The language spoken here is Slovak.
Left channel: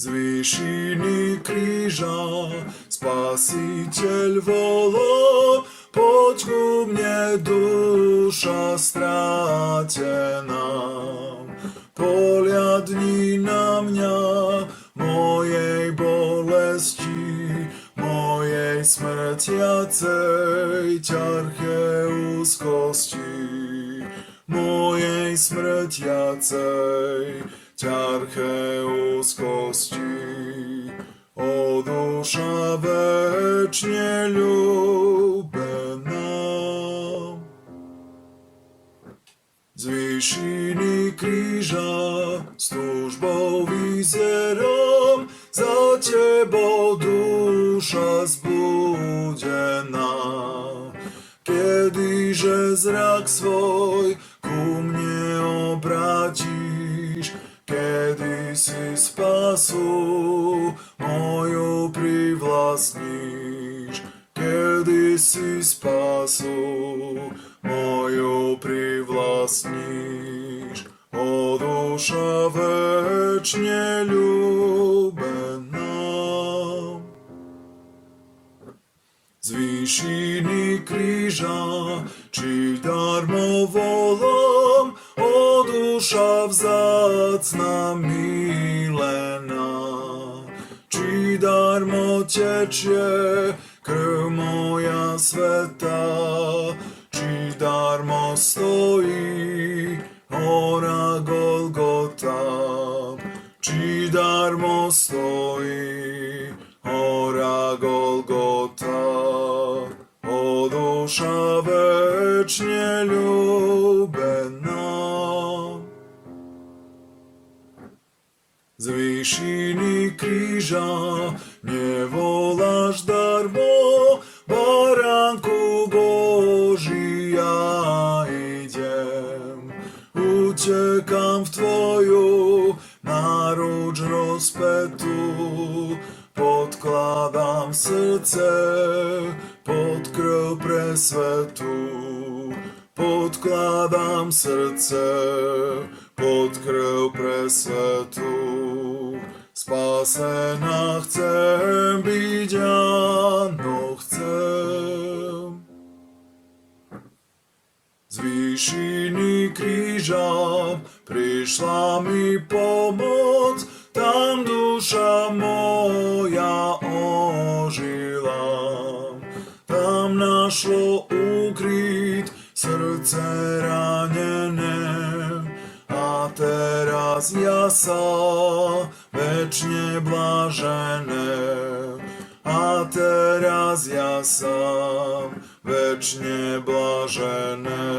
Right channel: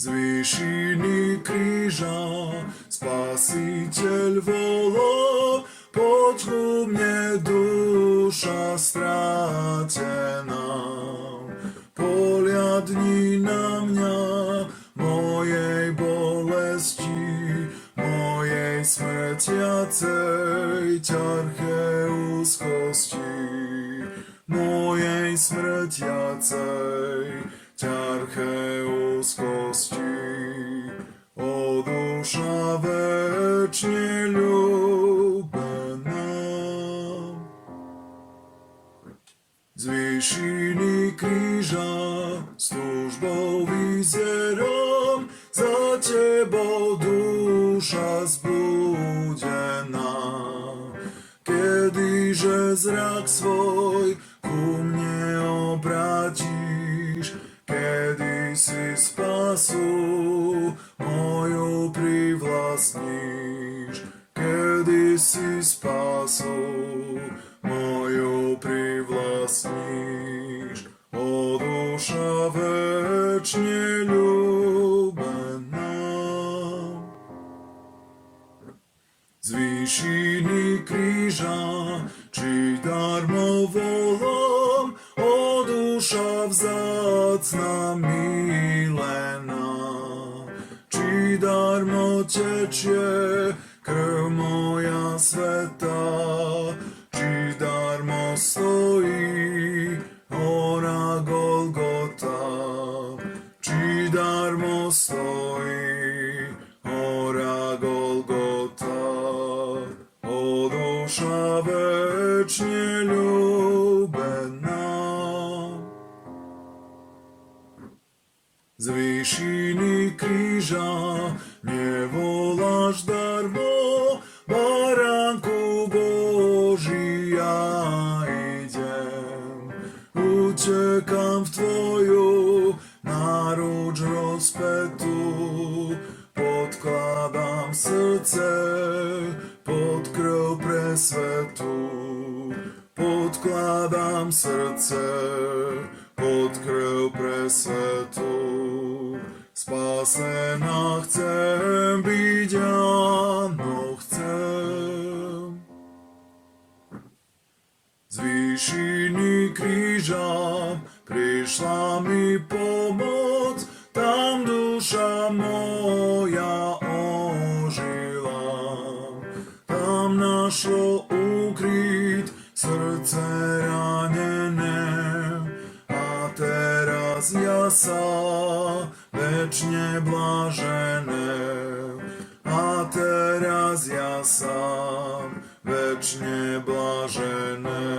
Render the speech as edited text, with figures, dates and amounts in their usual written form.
Z výšiny kríža Spasiteľ volá, poď ku mne, duša strátená. Pohľadni na mňa, mojej bolesti, mojej smrtiacej ťarche úzkosti, mojej smrtiacej ťarche úzkosti. O duša večne ľúbená, z výšiny kríža s túžbou vyzerám, za tebou duša zbudená. Kedyže zrak svoj ku mne obrátiš, kedy si spasu moju privlastníš, kedy si spasu moju privlastníš. O duša večne ľúbená, z výšiny kríža či darmo volám, o duša vzácna milená. Či darmo tečie krv moja sveta, či darmo stojí hora Golgota, či darmo stojí hora Golgota. O duša večne ľúbená, z výšiny kríža nevoláš darmo, baránku Boží, ja idem. Utekám v tvoju náruč rozpetú, podkladám srdce pod krv presvetú, podkladám srdce pod krv presvetú. Spasená chcem byť, áno chcem. Z výšiny kríža prišla mi pomoc, tam duša moja ožila. Tam našlo úkryt srdce ranené, a teraz jasá večne blažené. A teraz jasám večne blažené.